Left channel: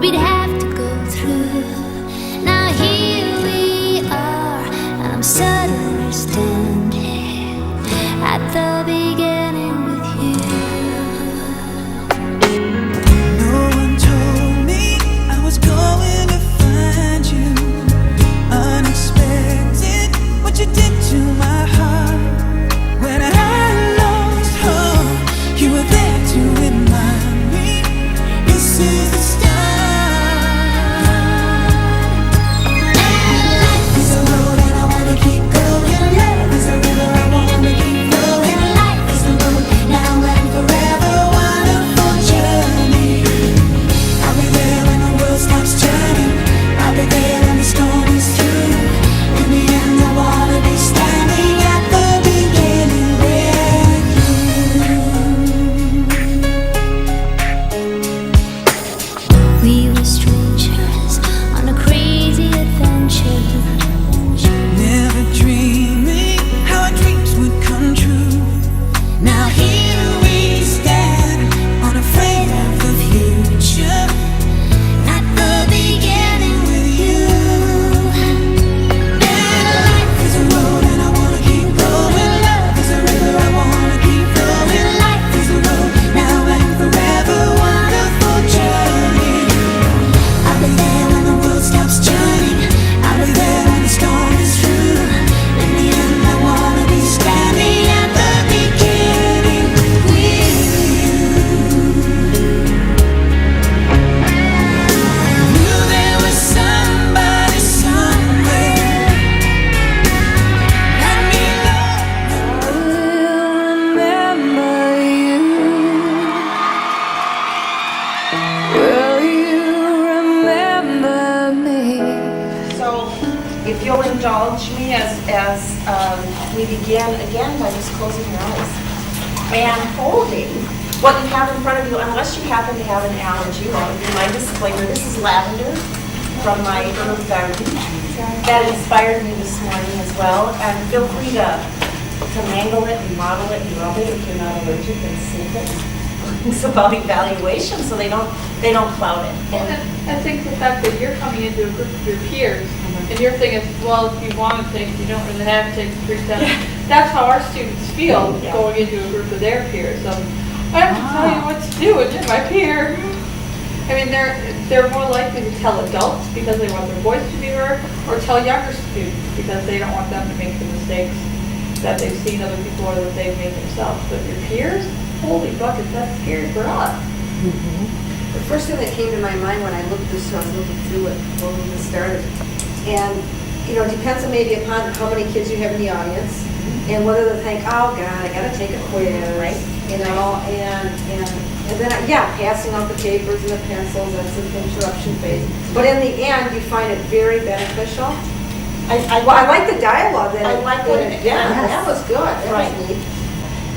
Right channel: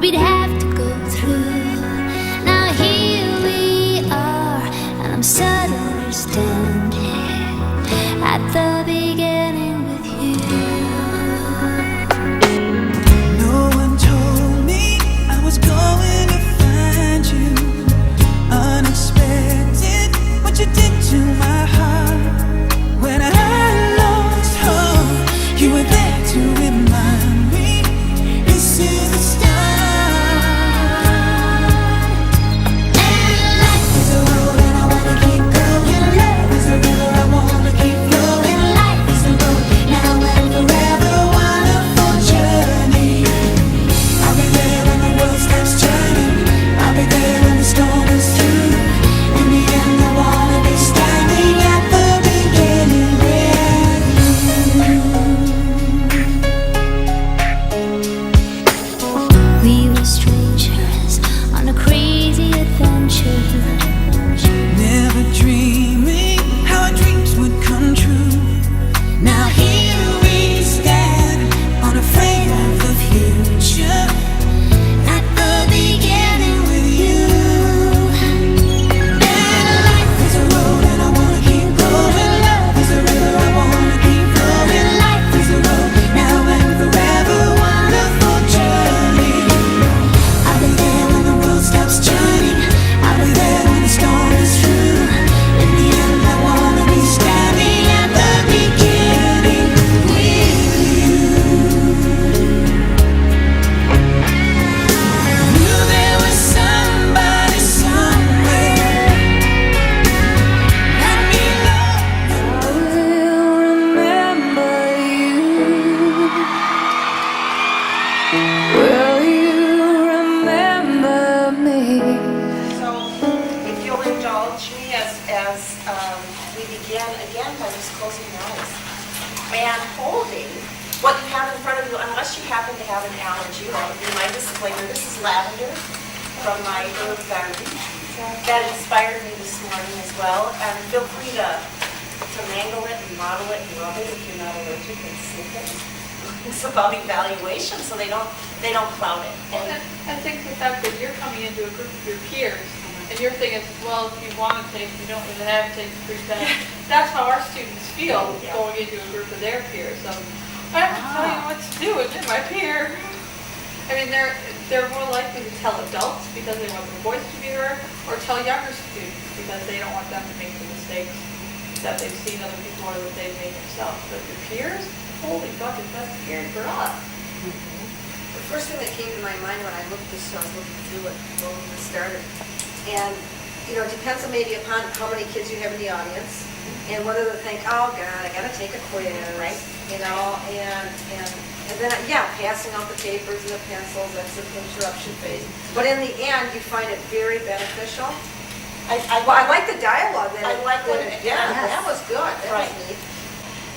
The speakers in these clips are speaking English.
we'd have to go through. Now here we are, and I'm suddenly standing at the beginning with you. No one told me I was going to find you. Unexpected, what you did to my heart. When I lost hope, you were there to remind me this is the start. And life is a road and I wanna keep going. Love is a river I wanna keep flowing. Life is a road now and forever, wonderful journey. I'll be there when the world stops turning. I'll be there when the storm is through. In the end I wanna be standing at the beginning with you. We were strangers on a crazy adventure. Never dreaming how our dreams would come true. Now here we stand, unafraid of the future. At the beginning with you. And life is a road and I wanna keep going. Love is a river I wanna keep flowing. Life is a road now and forever, wonderful journey. I'll be there when the world stops turning. I'll be there when the storm is through. In the end I wanna be standing at the beginning with you. Knew there was somebody somewhere. Let me know. I will remember you. Will you remember me? So, if you'll indulge me as we begin again by just closing your eyes and holding what you have in front of you, unless you happen to have an allergy. That would be my disclaimer. This is lavender from my herb garden that inspired me this morning as well. And feel free to mangle it and model it and rub it if you're not allergic and sniff it. It's about evaluation, so they don't cloud it. And I think the fact that you're coming into a group of your peers, and your thing is, well, if you want to take, you don't really have to take the 3 tests. That's how our students feel Yeah. going into a group of their peers. So I have to tell you what to do, and you're my peer. I mean, they're more likely to tell adults because they want their voice to be heard, or tell younger students because they don't want them to make the mistakes that they've seen other people or that they've made themselves. But your peers, holy buckets, that's scary for us. The first thing that came to my mind when I looked this, I was looking through it when we just started, and it depends on maybe upon how many kids you have in the audience, and whether they think, oh God, I got to take a quiz, Right. and then passing out the papers and the pencils. That's the interruption phase. But in the end, you find it very beneficial. I like the dialogue that I like what it- yeah. that was good. That Right. was neat.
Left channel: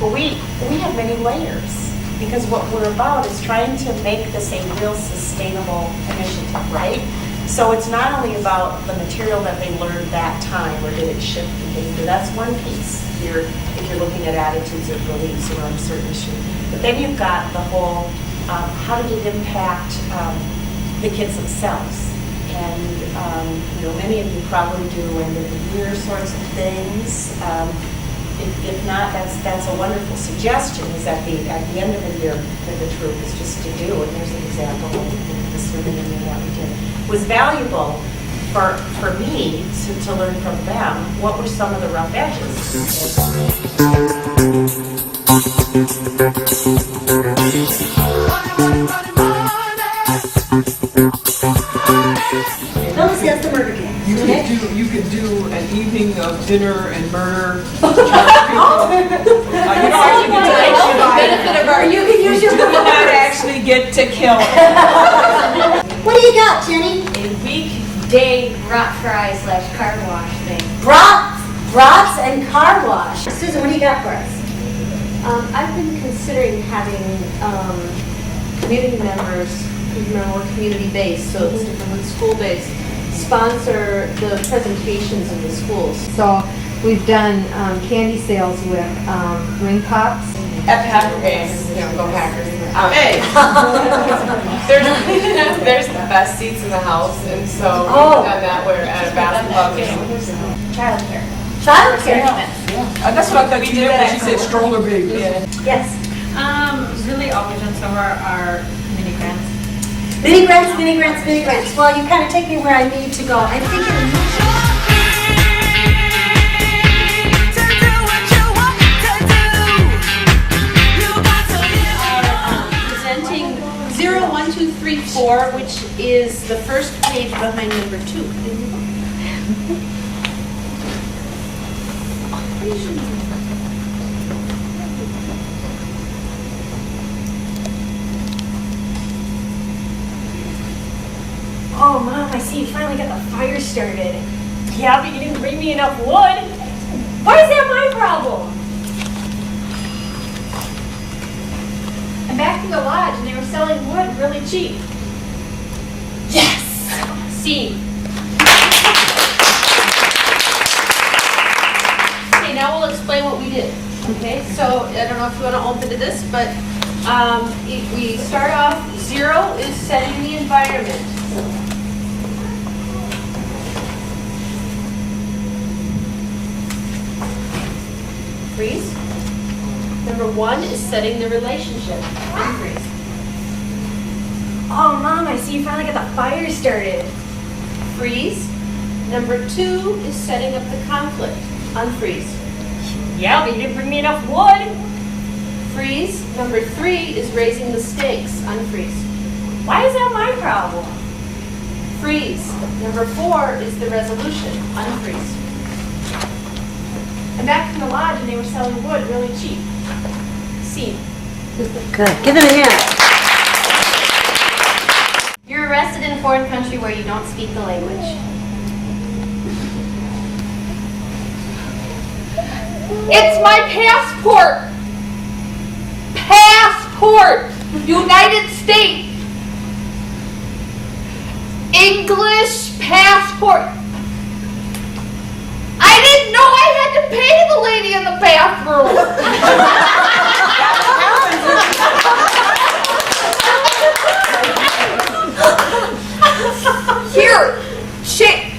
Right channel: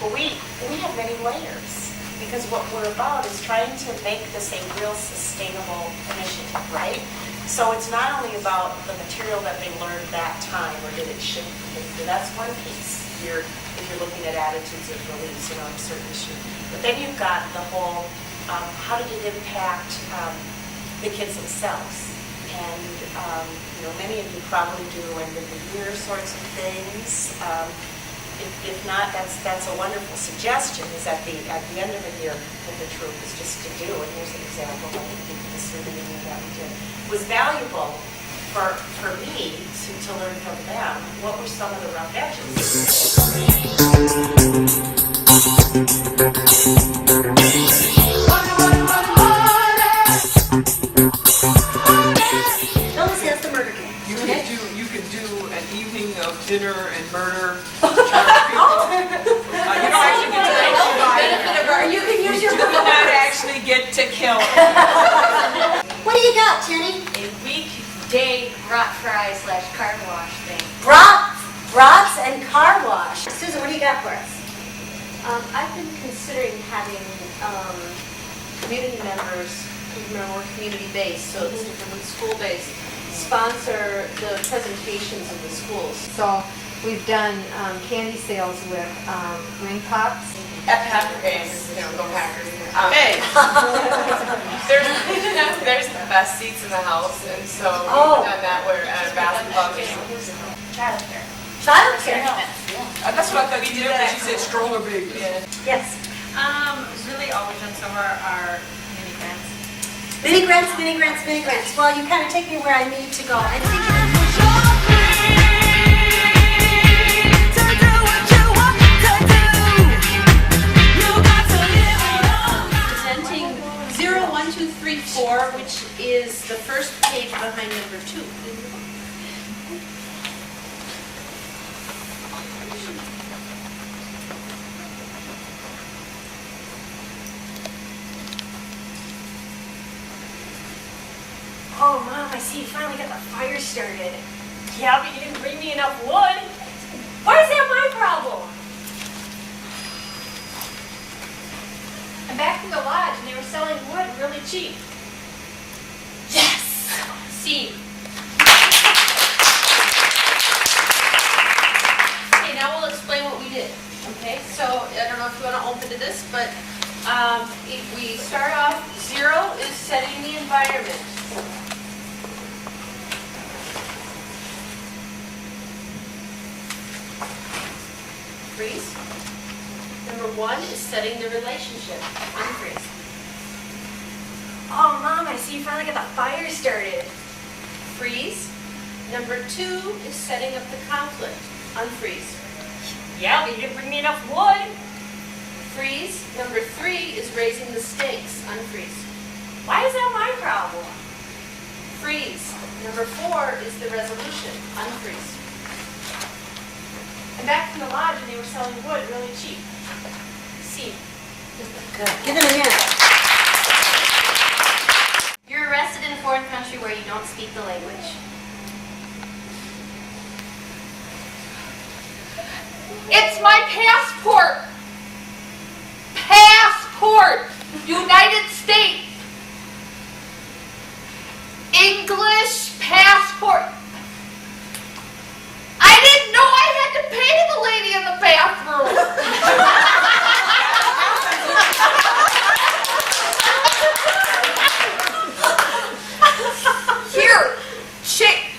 Well, we have many layers because what we're about is trying to make this a real sustainable initiative, right? So it's not only about the material that they learned that time or did it shift behavior. That's one piece here if you're looking at attitudes or beliefs around a certain issue. But then you've got the whole, how did it impact the kids themselves? And many of you probably do end of the year sorts of things. If not, that's a wonderful suggestion. Is at the end of the year that the troop is just to do. And there's an example of the survey that we did. Was valuable for me to learn from them. What were some of the rough edges? Phyllis has the murder game. You could do an evening of dinner and murder. You can use your do not actually get to kill. What do you got, Jenny? A weekday brat fry / car wash thing. Brats and car wash. Susan, what do you got for us? I've been considering having community members, remember we're community-based, so it's different than school-based, sponsor the presentations in the schools. So we've done candy sales with ring pops, At the Packer games, go Packers. Hey. There's the best seats in the house, and so we've done that where at a basketball game. Childcare. Childcare. That's what I thought you meant when she said stroller baby. Yes. Really all we've done so far are mini grants. Mini grants, mini grants, mini grants. Well, you kind of take me where I need to go. I think Presenting 0, 1, 2, 3, 4, which is the first page behind number 2. Oh, Mom, I see you finally got the fire started. Yeah, but you didn't bring me enough wood. Why is that my problem? I'm back in the lodge and they were selling wood really cheap. Yes! C. Okay, now we'll explain what we did. Okay, so I don't know if you want to open to this, but if we start off, 0 is setting the environment. Freeze. Number 1 is setting the relationship. Unfreeze. Oh, Mom, I see you finally got the fire started. Freeze. Number 2 is setting up the conflict. Unfreeze. Yeah, but you didn't bring me enough wood. Freeze. Number 3 is raising the stakes. Unfreeze. Why is that my problem? Freeze. Number 4 is the resolution. Unfreeze. I'm back in the lodge and they were selling wood really cheap. C. Good. Give them a hand. You're arrested in a foreign country where you don't speak the language. It's my passport! Passport! United States! English passport! I didn't know I had to pay the lady in the bathroom! Here!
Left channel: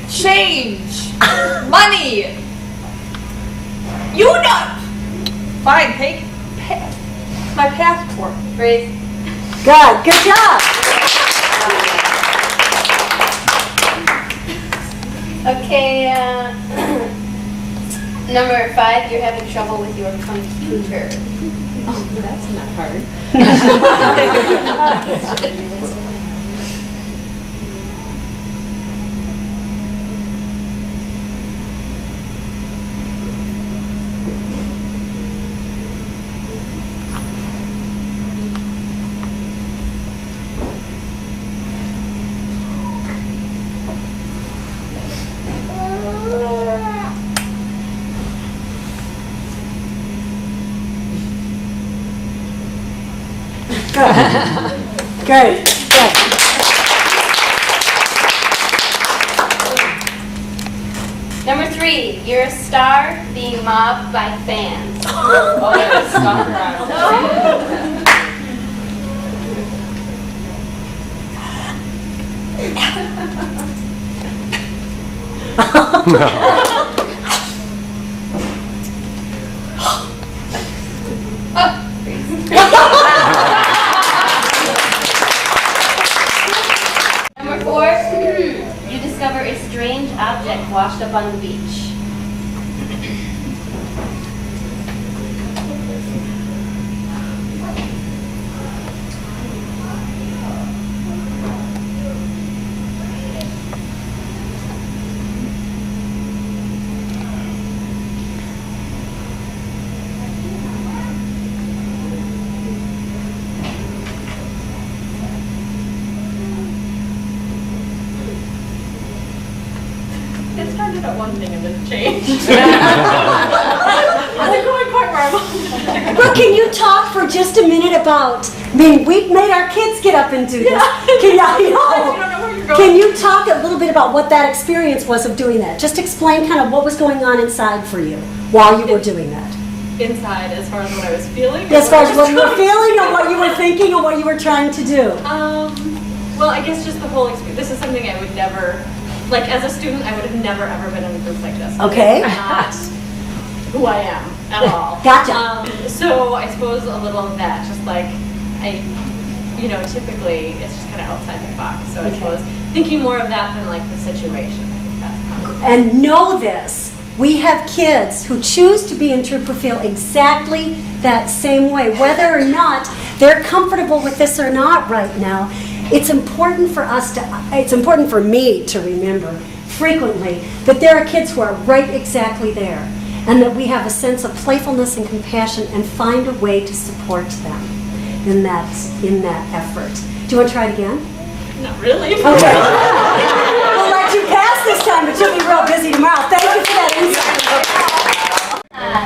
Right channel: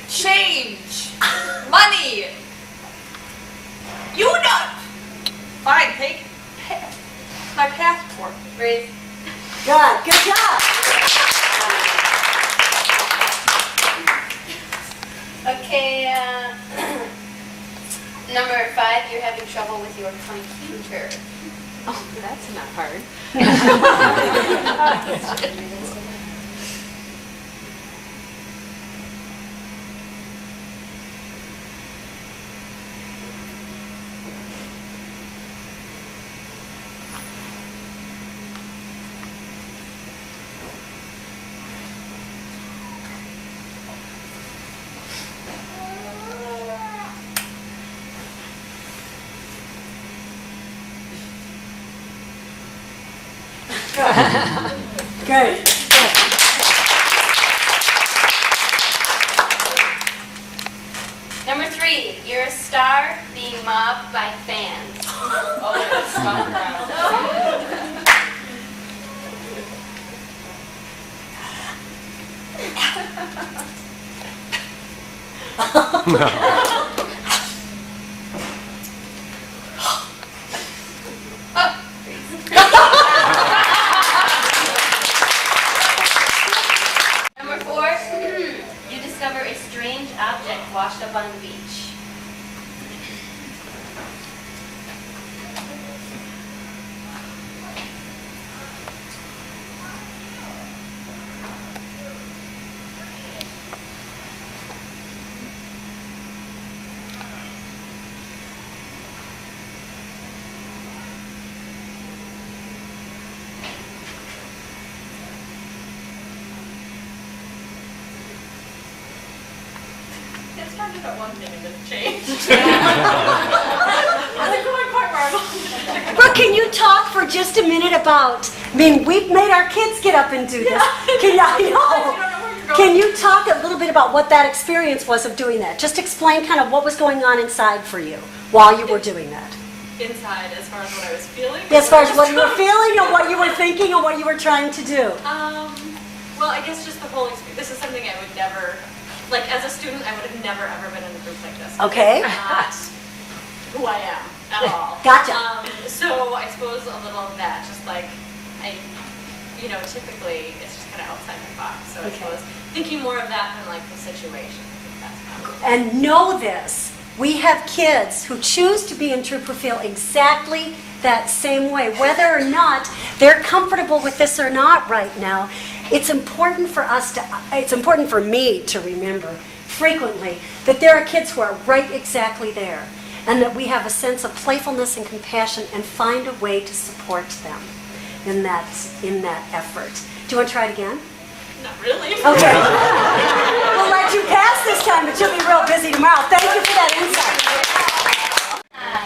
Change! Money! You know! Fine, take my passport. Freeze. Good. Good job. Okay, number 5, you're having trouble with your computer. Oh, that's not hard. Good. Good. Number 3, you're a star being mobbed by fans. Oh, that's stalker. Number 4, you discover a strange object washed up on the beach. It started at one thing and then changed. I wasn't going quite where I wanted. Brooke, can you talk for just a minute about, I mean, we've made our kids get up and do this. Can, You don't know where you're going. can you talk a little bit about what that experience was of doing that? Just explain kind of what was going on inside for you while you were doing that. inside as far as what I was feeling. As far as what you were feeling and what you were thinking and what you were trying to do. Well, I guess just the whole experience. This is something I would never, like as a student, I would have never ever been in a group like this. Okay. It's not who I am at all. Gotcha. So I suppose a little of that, just like typically it's just kind of outside the box. So I suppose thinking more of that than like the situation. I think that's probably. And know this, we have kids who choose to be in Troupe or feel exactly that same way, whether or not they're comfortable with this or not right now. It's important for me to remember frequently that there are kids who are right exactly there, and that we have a sense of playfulness and compassion and find a way to support them in that effort. Do you want to try it again? Not really. Okay. We'll let you pass this time, but you'll be real busy tomorrow. Thank you for that insight.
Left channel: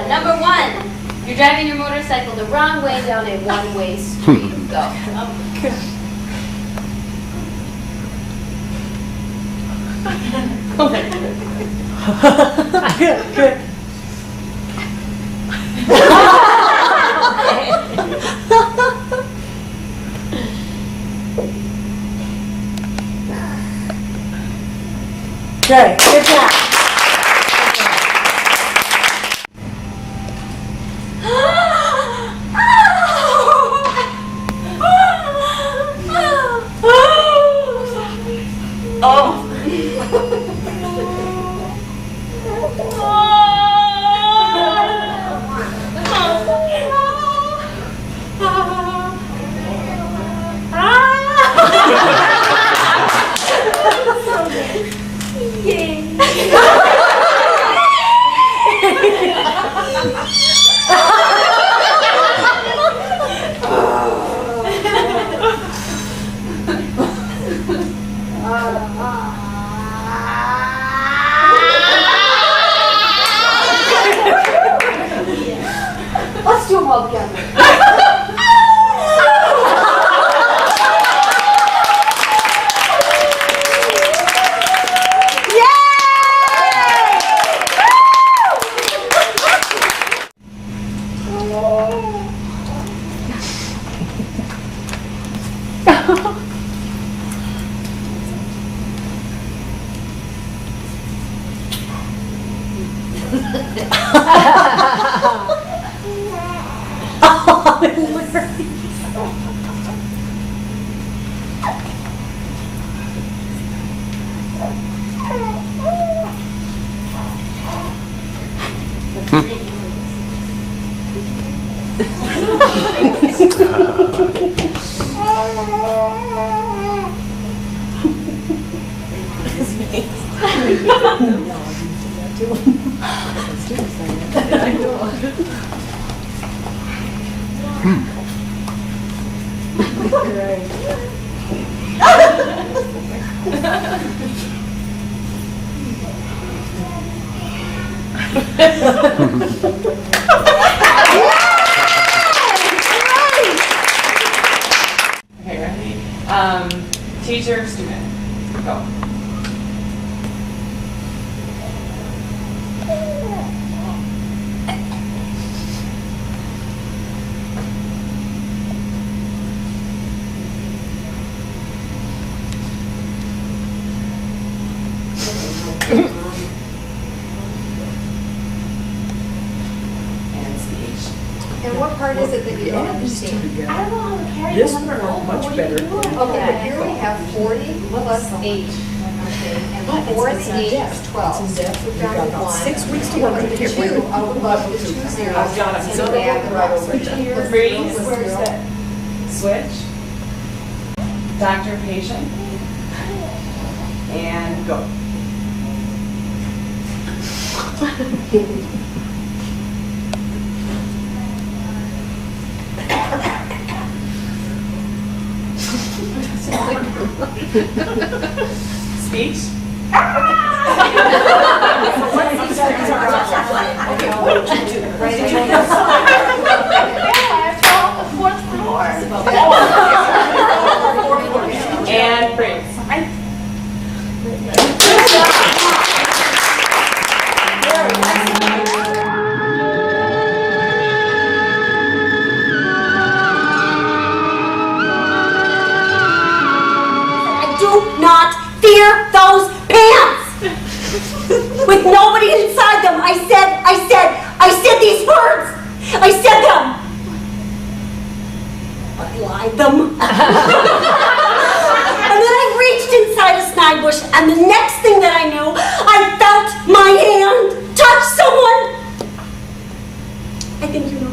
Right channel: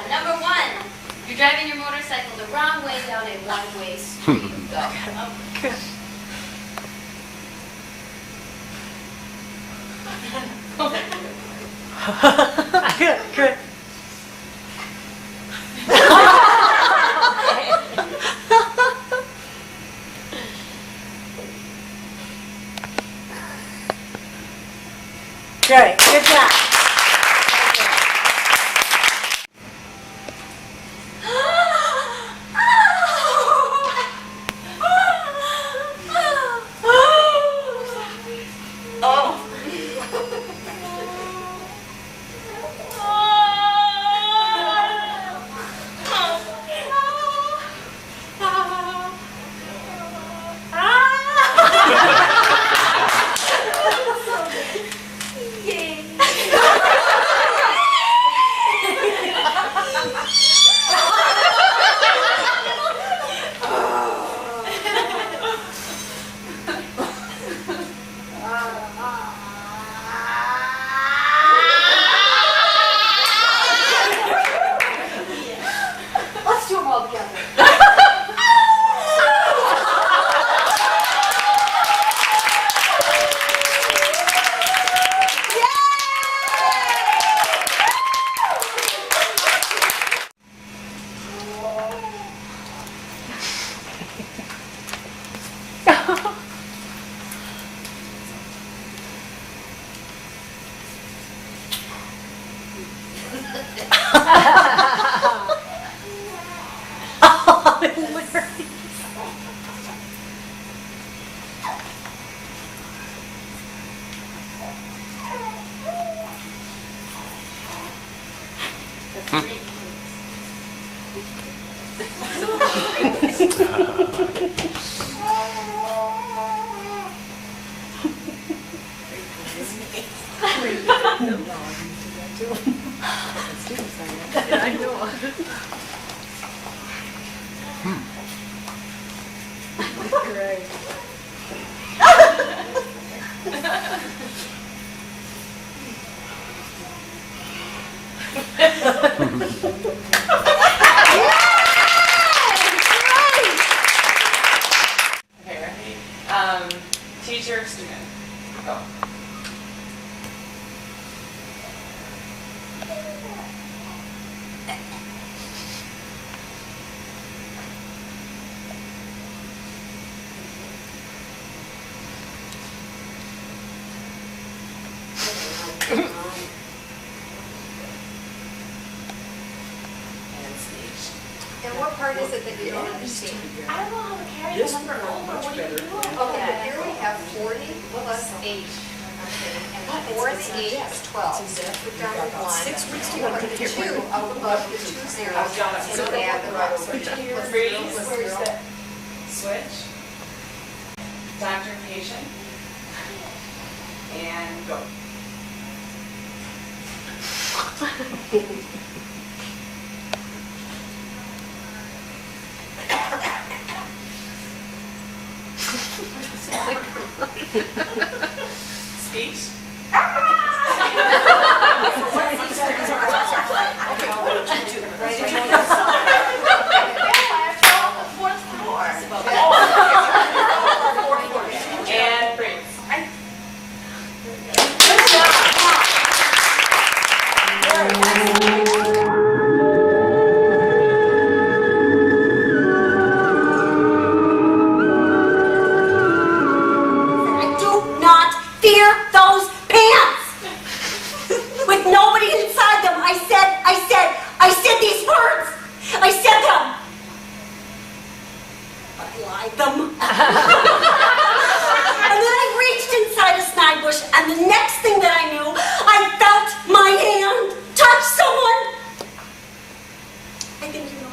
Number 1, you're driving your motorcycle the wrong way down a one-way street. Go. Good. Good job. Let's do them all together. Okay, ready? Teacher, student, go. And speech. And what part is it that you don't understand? I don't know how to carry This the number worked over. much What do you better. do? Okay, but here we have 40 plus 8. Okay, and 4 and 8 is 12. So we've got Got about 1. 6 weeks to work to get rid 2 of out above the 2 zeros. I've got it. And So add the right rest. over here. Freeze. Where's that? Switch. Doctor, patient. And go. Speech. And freeze. do not fear those pants. With nobody inside them, I said these words. I said them. But I lied them. And then I reached inside a snag bush, and the next thing that I knew, I felt my hand touch someone. I think you know.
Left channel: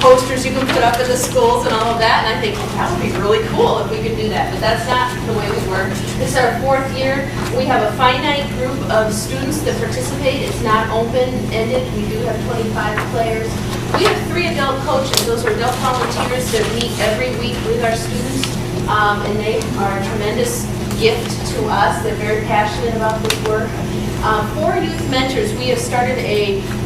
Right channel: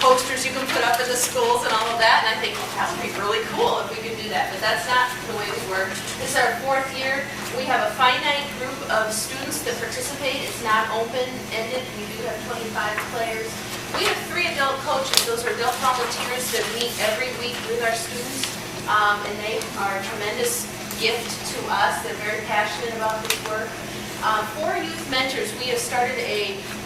Posters you can put up in the schools and all of that, and I think that would be really cool if we could do that, but that's not the way we work. This is our 4th year. We have a finite group of students that participate. It's not open-ended. We do have 25 players. We have 3 adult coaches. Those are adult volunteers that meet every week with our students, and they are a tremendous gift to us. They're very passionate about this work. 4 youth mentors. We have started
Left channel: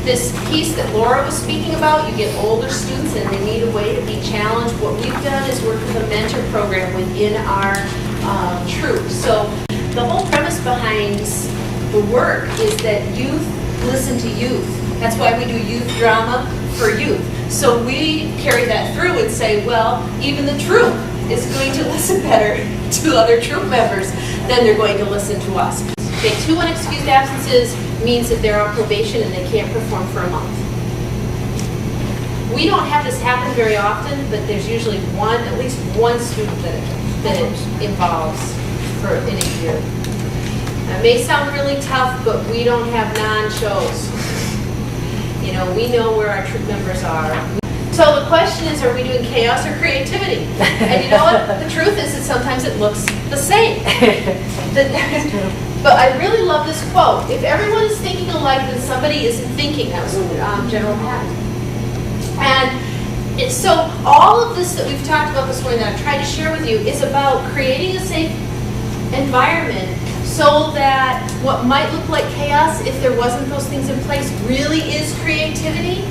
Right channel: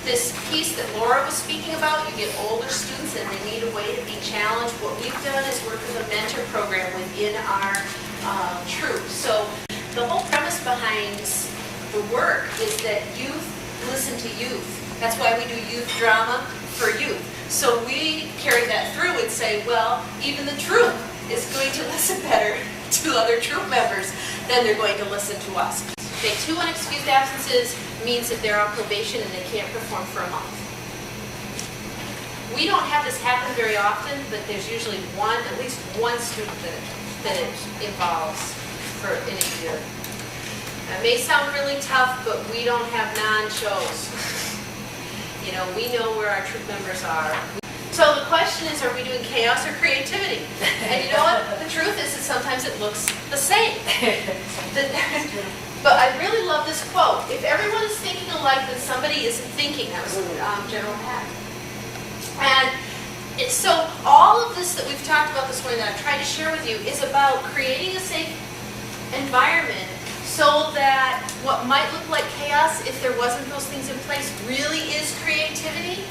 this piece that Laura was speaking about. You get older students and they need a way to be challenged. What we've done is work with a mentor program within our troupe. So the whole premise behind the work is that youth listen to youth. That's why we do youth drama for youth. So we carry that through and say, well, even the troupe is going to listen better to other troupe members than they're going to listen to us. Okay, 2 unexcused absences means that they're on probation and they can't perform for a month. We don't have this happen very often, but there's usually at least one student that it involves in a year. It may sound really tough, but we don't have non-shows. You know, we know where our troop members are. So the question is, are we doing chaos or creativity? And you know what? The truth is that sometimes it looks the same. But I really love this quote. If everyone is thinking alike, then somebody isn't thinking. That was General Patton. And so all of this that we've talked about this morning that I've tried to share with you is about creating a safe environment so that what might look like chaos, if there wasn't those things in place, really is creativity,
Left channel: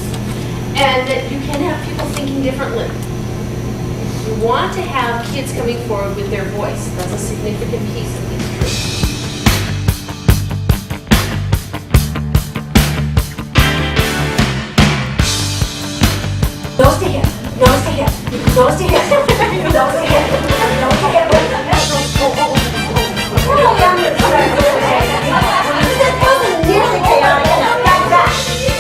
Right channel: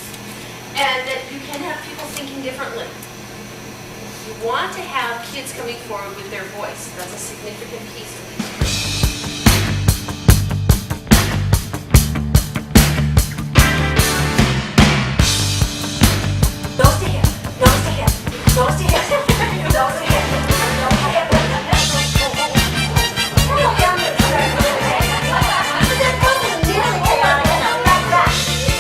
and that you can have people thinking differently. You want to have kids coming forward with their voice. That's a significant piece of these. Nose to hip, nose to hip, nose to hip, nose to hip, nose to hip. This wasn't nearly chaotic enough. Back to back,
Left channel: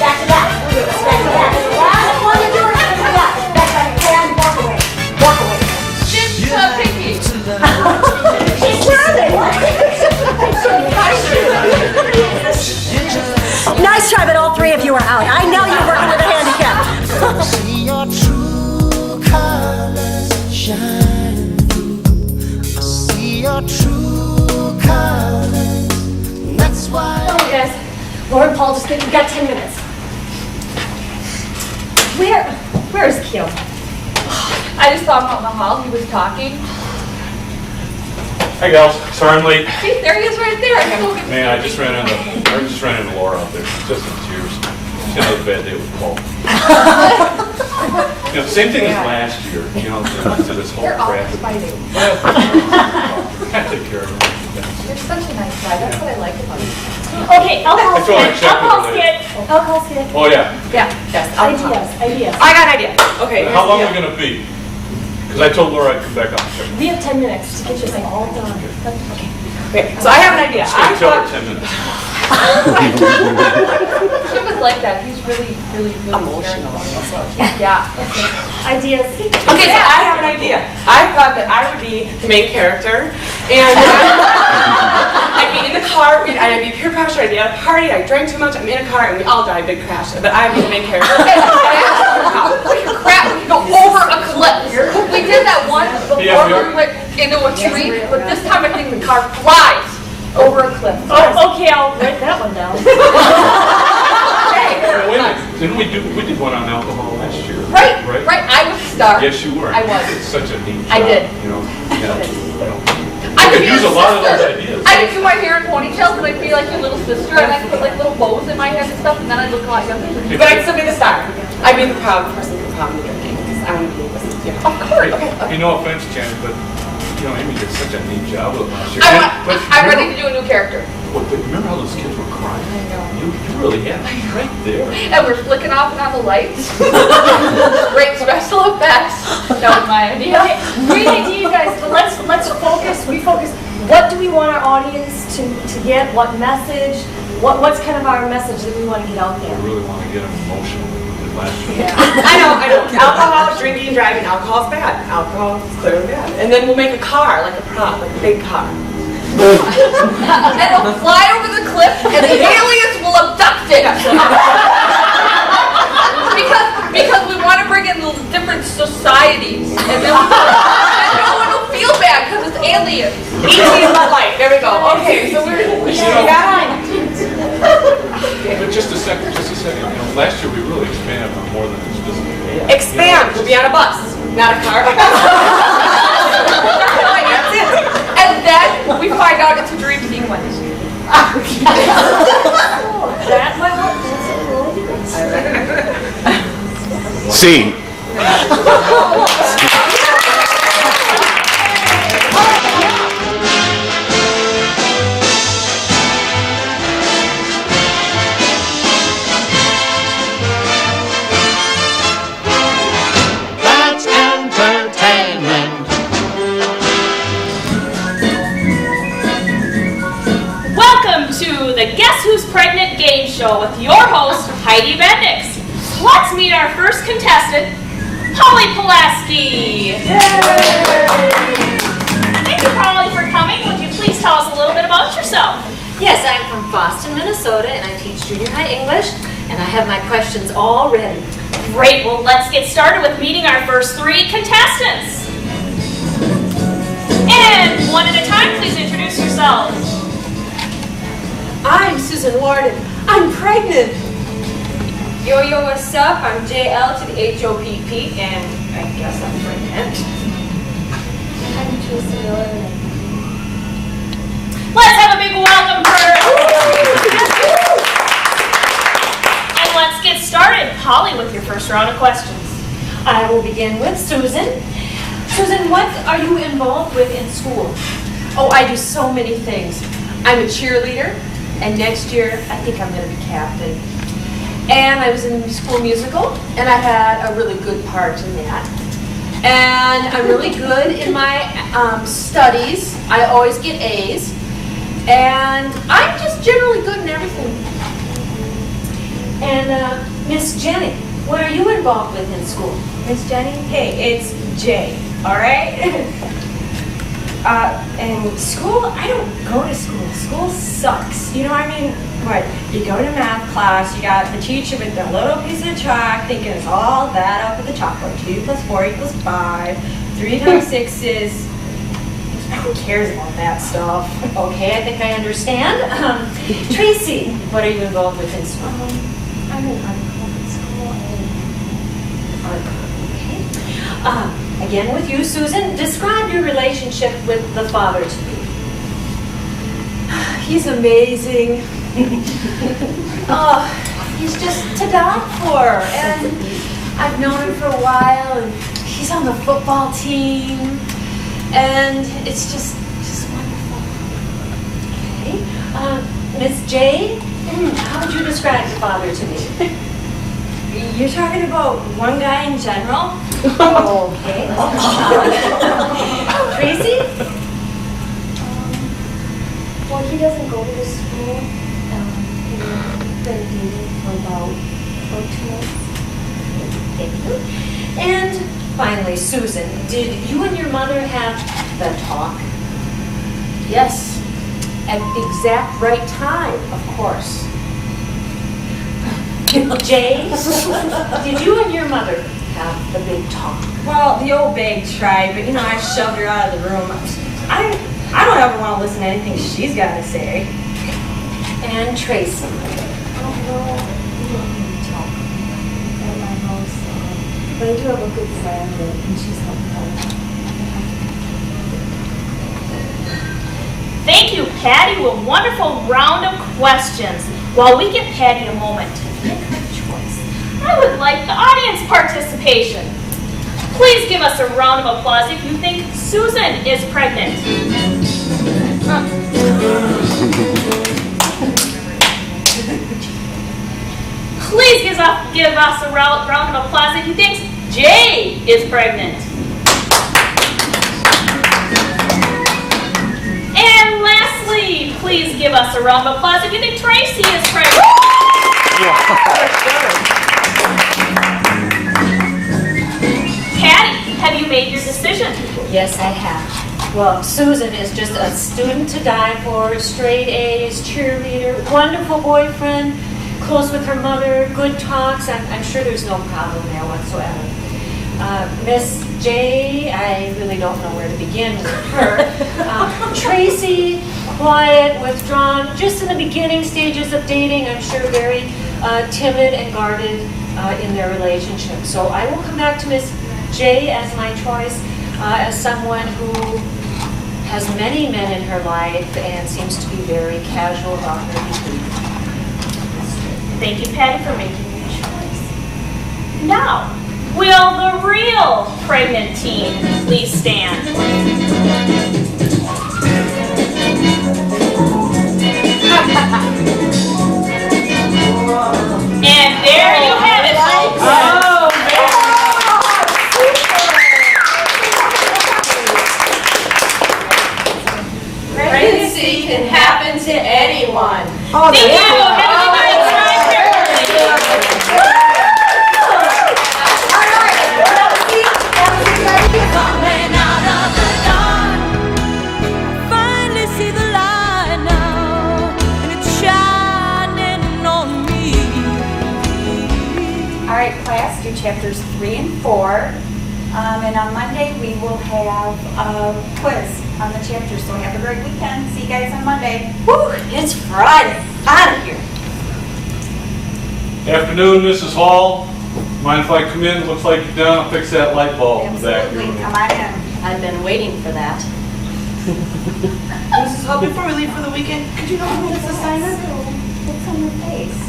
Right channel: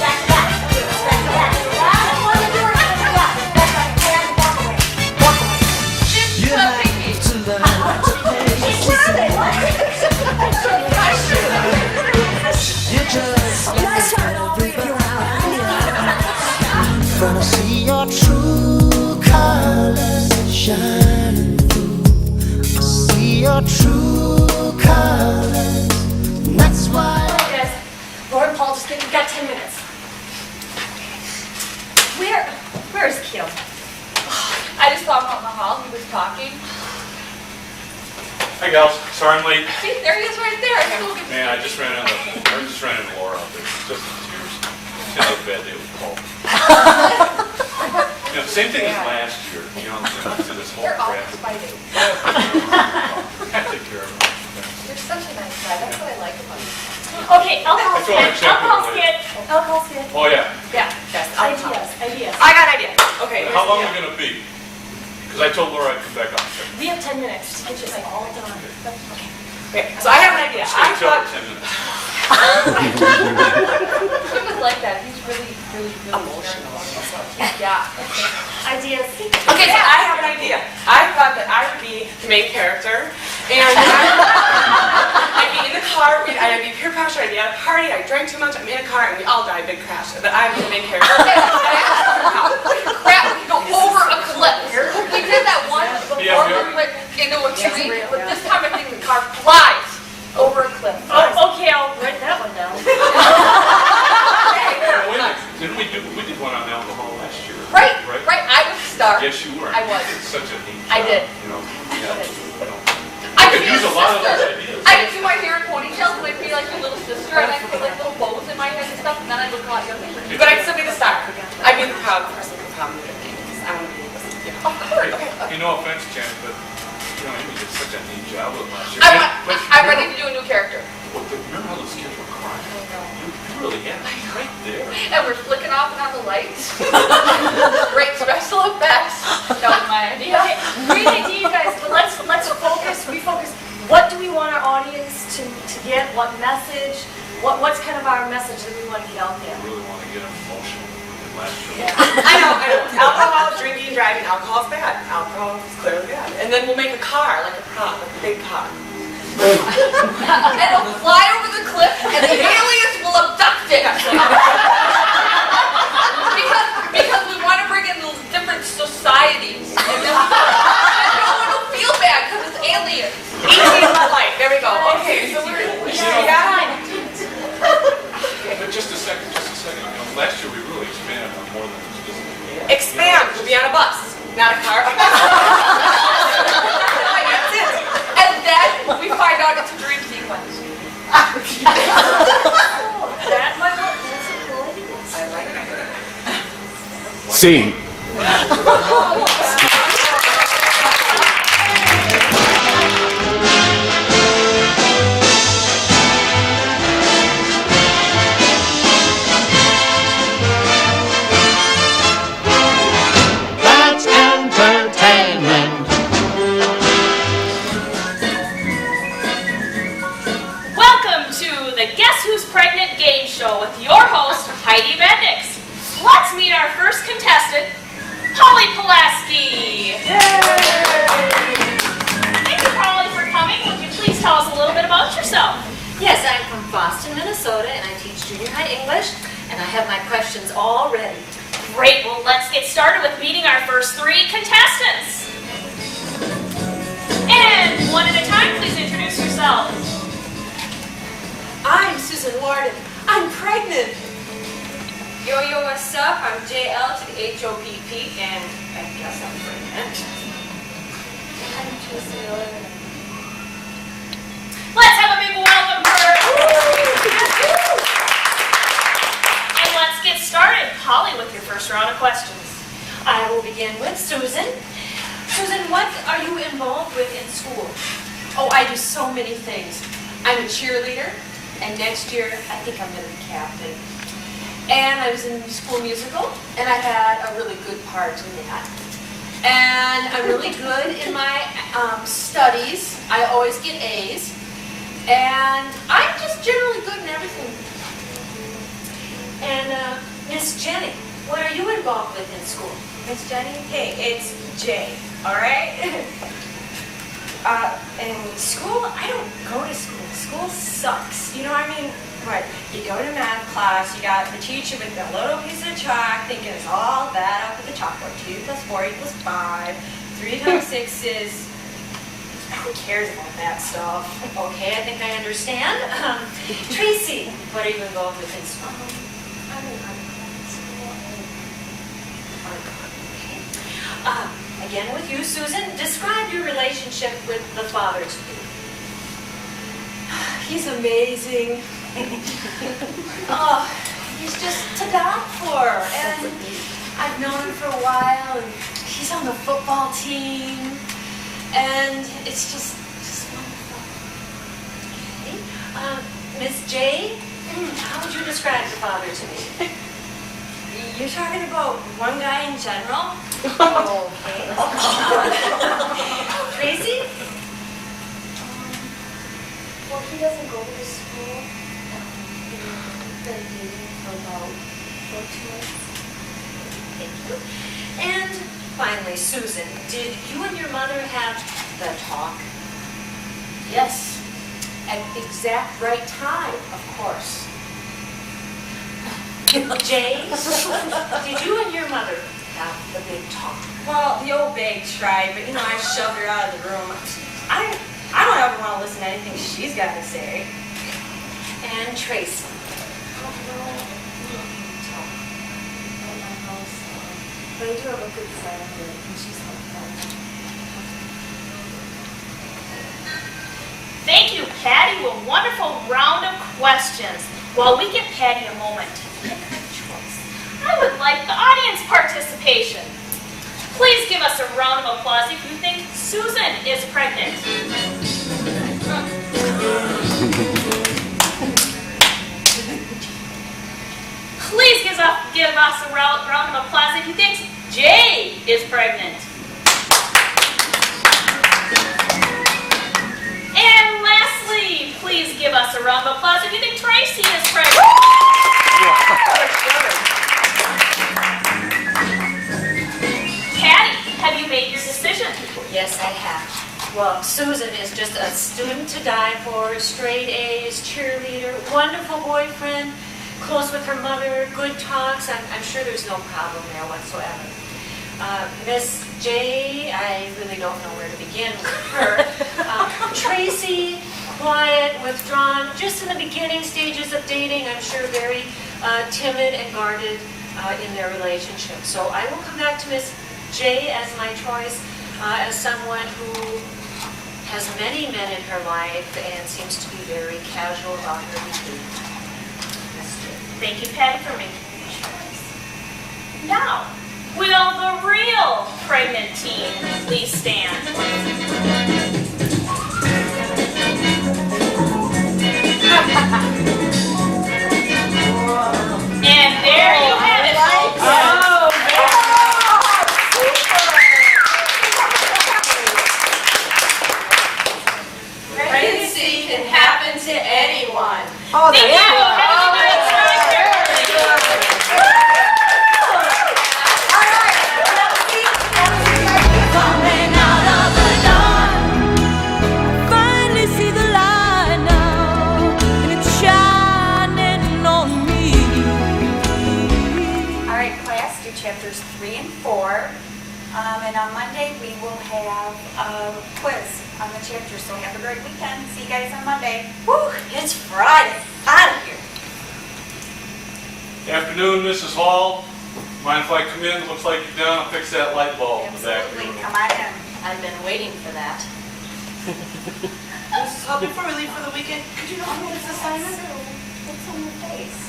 back to back, back to back. That's what you're doing. Back to back, and walk away, walk away. You like to love. She's serving. Nice try, but all 3 of you are out. I know you were under the handicap. Gonna see your true colors shining through. I see your true colors. And that's why. Okay, guys. Laura and Paul, we've got 10 minutes. Where is Keel? I just saw him out in the hall. He was talking. Hi gals, sorry I'm late. See, there he is right there. Man, I just ran into Laura out there, just in tears. She had a bad day with Paul. You know, same thing as last year, you know, to this whole crap. They're all fighting. I take care of them. You're such a nice guy. That's what I like about you. Okay, alcohol I told her I'd skid, check with her alcohol later. skid, alcohol skid. Oh yeah. Yeah, yes. Ideas. I got an idea. Okay. How long are we gonna be? Because I told Laura I'd come back up and check. We have 10 minutes to get this all done. Okay. Okay, so I have an idea. Just gonna tell her 10 minutes. He was like that. He's really emotional. Yeah. Ideas. Okay, so I have an idea. I thought that I would be the main character, and I'd be in the car I'd be peer pressure, I'd be at a party, I drank too much, I'm in a car, and we all die, big crash. But I'm the main character. Crap, we go over a cliff. We did that once before we went into a tree, but this time I think the car flies over a cliff. Oh, okay, I'll write that one down. Well, wait a minute, didn't we did one on alcohol last year? Right. I was the star. Yes, you were. I was. It's such a neat job. I did. You know, I could use a lot of those ideas. I could do my hair in ponytails and I'd be like your little sister and I'd put like little bows in my head and stuff and then I'd look a lot younger. But I'd still be the star. I'd be the proud person who's proud of the drinking because I want to be this. Yeah. Of course. Hey, no offense, Janet, but you know, Amy did such a neat job with last year. I'm ready to do a new character. Remember how those kids were crying? I know. You really had it right there. And we're flicking off and on the lights. Great special effects. That was my idea. Okay, great idea, you guys, but let's refocus. What do we want our audience to get? What message? What's kind of our message that we want to get out there? I really want to get them emotional with it last year. Yeah. I know. Alcohol, drinking, driving, alcohol's bad. Alcohol is clearly bad. And then we'll make a car, like a prop, like a big car. And it'll fly over the cliff and the aliens will abduct it. because we want to bring in different societies. And no one will feel bad because it's aliens. E.T. light. There we go. Okay, so we got But just a second. You know, last year we really expanded on more than just physical. expand. We'll be on a bus, not a car. That's it. And then we find out it's a dream sequence. That might work. That's a really good. Scene. That's entertainment. Welcome to the Guess Who's Pregnant game show with your host, Heidi Bendix. Let's meet our first contestant, Polly Pulaski. Thank you, Polly, for coming. Would you please tell us a little bit about yourself? Yes, I'm from Boston, Minnesota, and I teach junior high English, and I have my questions all ready. Great. Well, let's get started with meeting our first three contestants. And one at a time, please introduce yourselves. I'm Susan Warden. I'm pregnant. Yo, what's up? I'm JL to the HOPP, and I guess I'm pregnant. I'm Tracy Warden. Let's have a big welcome for her. And let's get started. Polly, with your first round of questions. I will begin with Susan. Susan, what are you involved with in school? Oh, I do so many things. I'm a cheerleader, and next year I think I'm going to be captain. And I was in the school musical, and I had a really good part in that. And I'm really good in my studies. I always get A's. And I'm just generally good in everything. And Miss Jenny, what are you involved with in school? Miss Jenny? Hey, it's Jay, all right? In school, I don't go to school. School sucks. You know what I mean? What? You go to math class, you got the teacher with the little piece of chalk thinking it's all that up at the chalkboard. 2 + 4 = 5. 3 × 6 is... Who cares about that stuff? Okay, I think I understand. Tracy, what are you involved with in school? I'm in art club in school. Okay. Again with you, Susan. Describe your relationship with the father to me. He's amazing. He's just to die for. And I've known him for a while, and he's on the football team. And it's just wonderful. Okay. Miss J, how would you describe the father to me? You're talking about one guy in general? Okay. Tracy? Well, he doesn't go to the school. He's been dating for about 2 months. Thank you. And finally, Susan, did you and your mother have the talk? Yes. At the exact right time, of course. Jay, did you and your mother have the big talk? Well, the old bag tried, but I shoved her out of the room. I don't ever want to listen to anything she's got to say. And Tracy. Oh, no, we don't need to talk at my house. But I do have a good friend, and she's helping out. Thank you, Patty. A wonderful round of questions. While we give Patty a moment to pick her choice, I would like the audience participation. Please give us a round of applause if you think Susan is pregnant. Please give us a round of applause if you think Jay is pregnant. And lastly, please give us a round of applause if you think Tracy is pregnant. Patty, have you made your decision? Yes, I have. Well, Susan is just a student to die for, straight A's, cheerleader, wonderful boyfriend, close with her mother, good talks. I'm sure there's no problem there whatsoever. Miss J, I really don't know where to begin with her. Tracy, quiet, withdrawn, just in the beginning stages of dating. I'm sure very timid and guarded in their relationship. So I will come back to Miss J as my choice, as someone who has many men in her life and seems to be very casual about her behavior. Thank you, Patty, for making your choice. Now, will the real pregnant teen please stand? And there you have it, folks. Pregnancy can happen to anyone. Thank you. Have a good night. Coming out of the dark, I finally see the light now, and it's shining on me. All right, class, do chapters 3 and 4. And on Monday, we will have a quiz on the chapter. So have a great weekend. See you guys on Monday. Woo, it's Friday. Out of here. Afternoon, Mrs. Hall. Mind if I come in? Looks like you're done. I'll fix that light bulb in the back Absolutely. room. Come on in. I've been waiting for that. Mrs. Hall, before we leave for the weekend, could you help me with this assignment? What's on your face?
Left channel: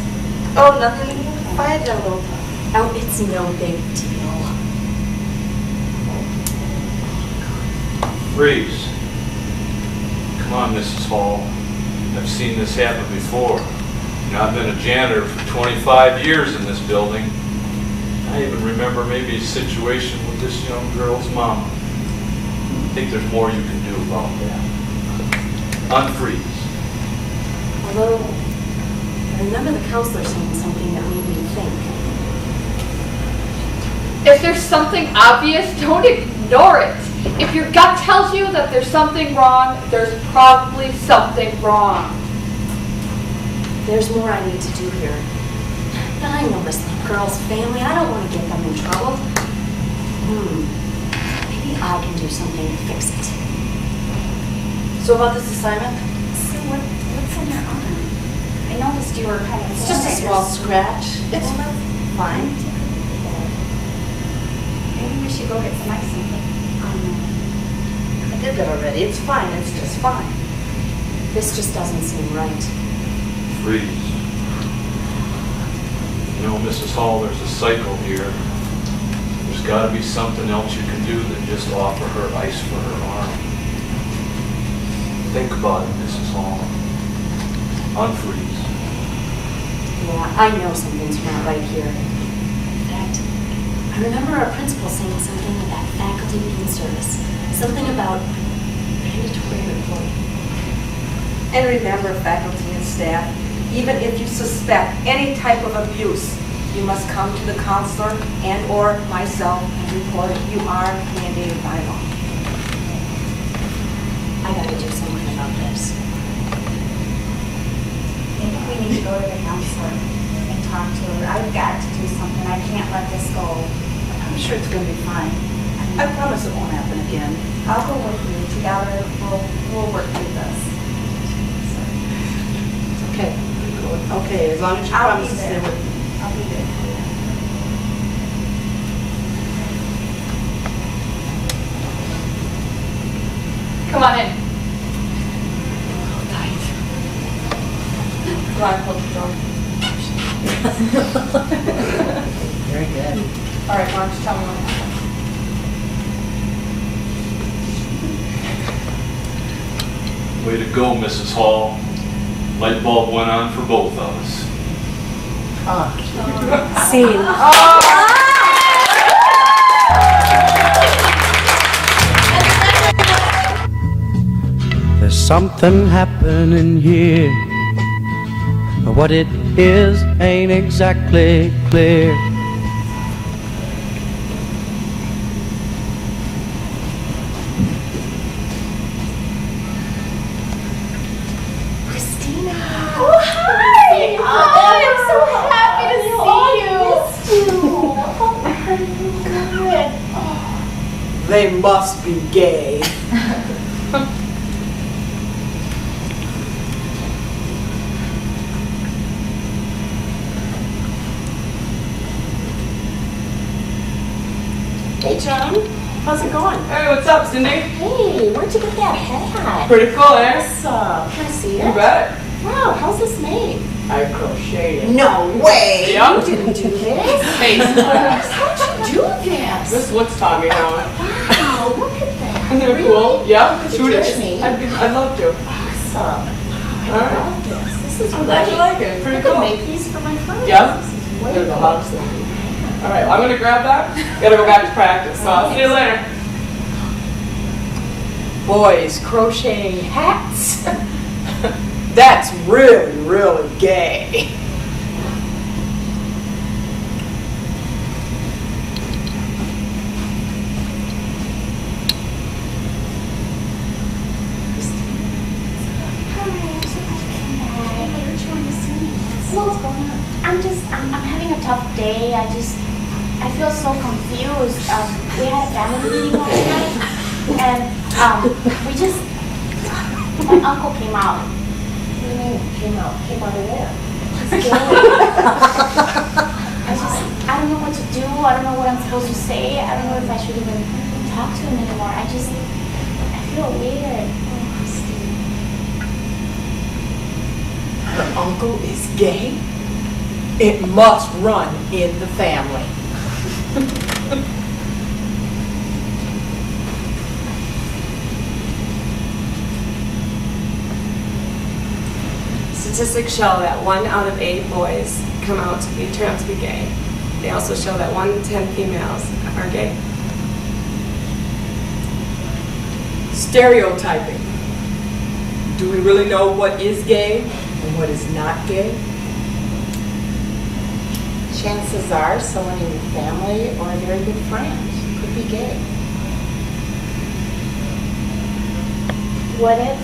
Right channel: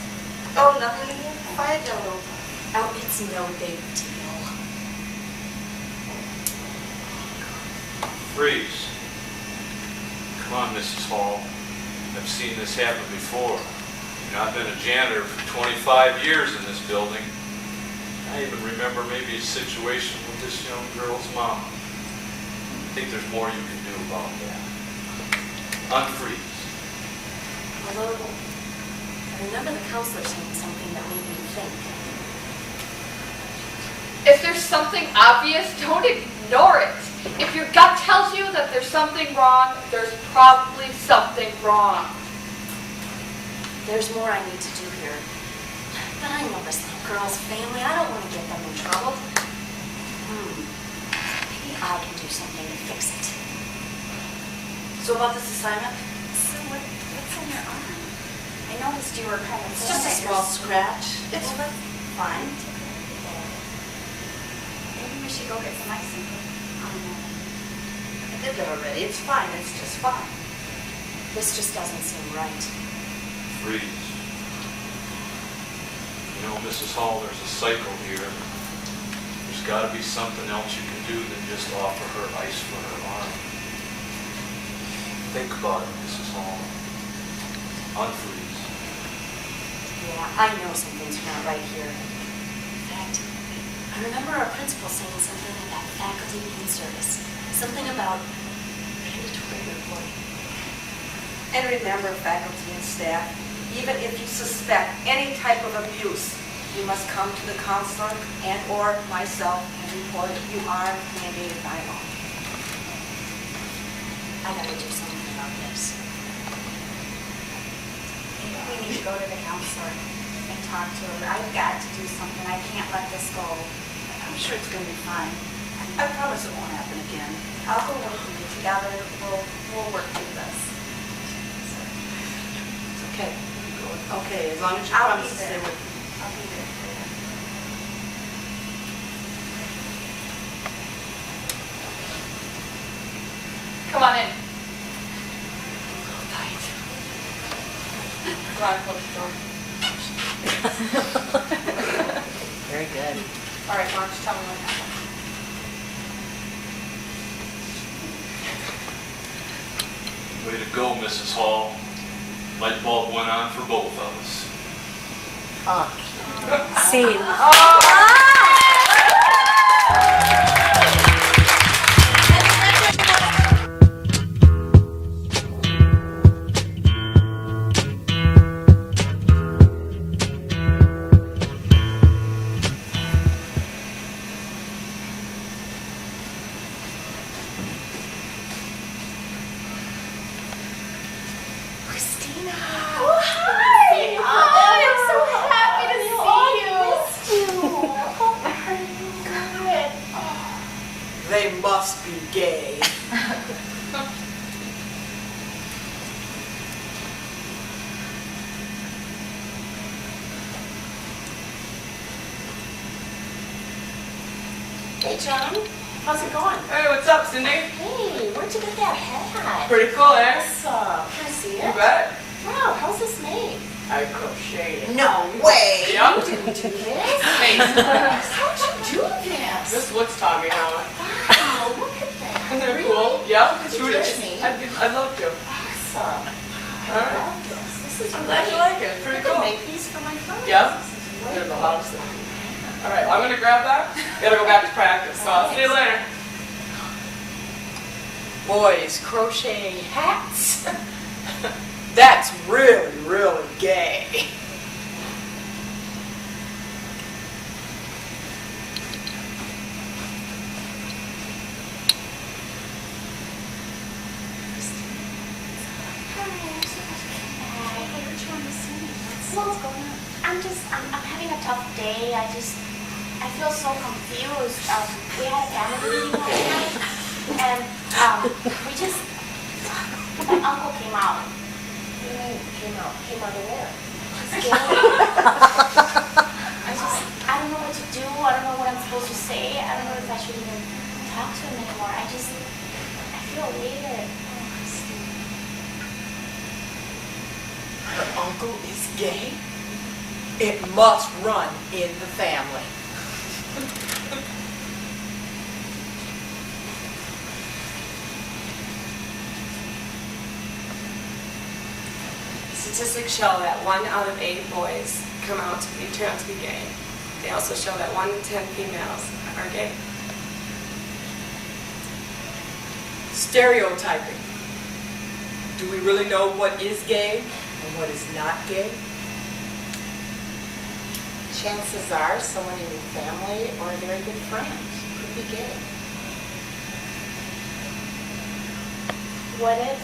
Oh, nothing. Fire devil. Oh, it's no big deal. Freeze. Come on, Mrs. Hall. I've seen this happen before. I've been a janitor for 25 years in this building. I even remember maybe a situation with this young girl's mom. I think there's more you can do about that. Unfreeze. Although, I remember the counselor saying something that made me think. If there's something obvious, don't ignore it. If your gut tells you that there's something wrong, there's probably something wrong. There's more I need to do here. But I know this little girl's family. I don't want to get them in trouble. Maybe I can do something to fix it. So about this assignment? So what's on your arm? I noticed you were kind of... It's just a small scratch. It's fine. Maybe we should go get some ice and put on there. I did that already. It's fine. It's just fine. This just doesn't seem right. Freeze. You know, Mrs. Hall, there's a cycle here. There's got to be something else you can do than just offer her ice for her arm. Think about it, Mrs. Hall. Unfreeze. Yeah, I know something's not right here. In fact, I remember our principal saying something about faculty being service. Something about mandatory reporting. And remember, faculty and staff, even if you suspect any type of abuse, you must come to the counselor and or myself and report it. You are mandated by law. I gotta do something about this. her and talk to her. I've got to do something. I can't let this go. I'm sure it's going to be fine. I promise it won't happen again. I'll go with you. Together, we'll work through this. It's okay. Okay, as long as you I'll promise be to stay there. with me. I'll be there for you. Come on in. Go on, close the door. Very good. All right, why don't you tell me what happened? Way to go, Mrs. Hall. Light bulb went on for both of us. Scene. There's something happening here, but what it is ain't exactly clear. Oh, hi! Oh, I'm so happy to see you. How are you? Good. They must be gay. Hey, John. How's it going? Hey, what's up, Cindy? Hey, where'd you get that hat? Pretty cool, eh? Awesome. Can I see it? You bet. Wow, how's this made? I crocheted it. No way! Yep. You didn't do this? Face class. How'd you do this? This looks Tommy now. Wow, look at that. Isn't that Really? cool? Yeah. Could you Shoot teach it. me? I'd love to. Awesome. I All right. love this. This is I'm glad you like it. Pretty I cool. could make these for my friends. Yeah? This is way There's a cool. lot of stuff. All right, I'm gonna grab that. Gotta go back to practice, so I'll see you later. Boys crocheting hats? That's really, really gay. What's going on? I'm having a tough day. I feel so confused. We had a family meeting last night, and my uncle came out. What do you mean, came out? Came out of where? He's gay. I don't know what to do. I don't know what I'm supposed to say. I don't know if I should even talk to him anymore. I feel weird. Her uncle is gay? It must run in the family. Statistics show that 1 out of 8 boys turn out to be gay. They also show that 1 in 10 females are gay. Stereotyping. Do we really know what is gay and what is not gay? Chances are someone in your family or a very good friend could be gay. What if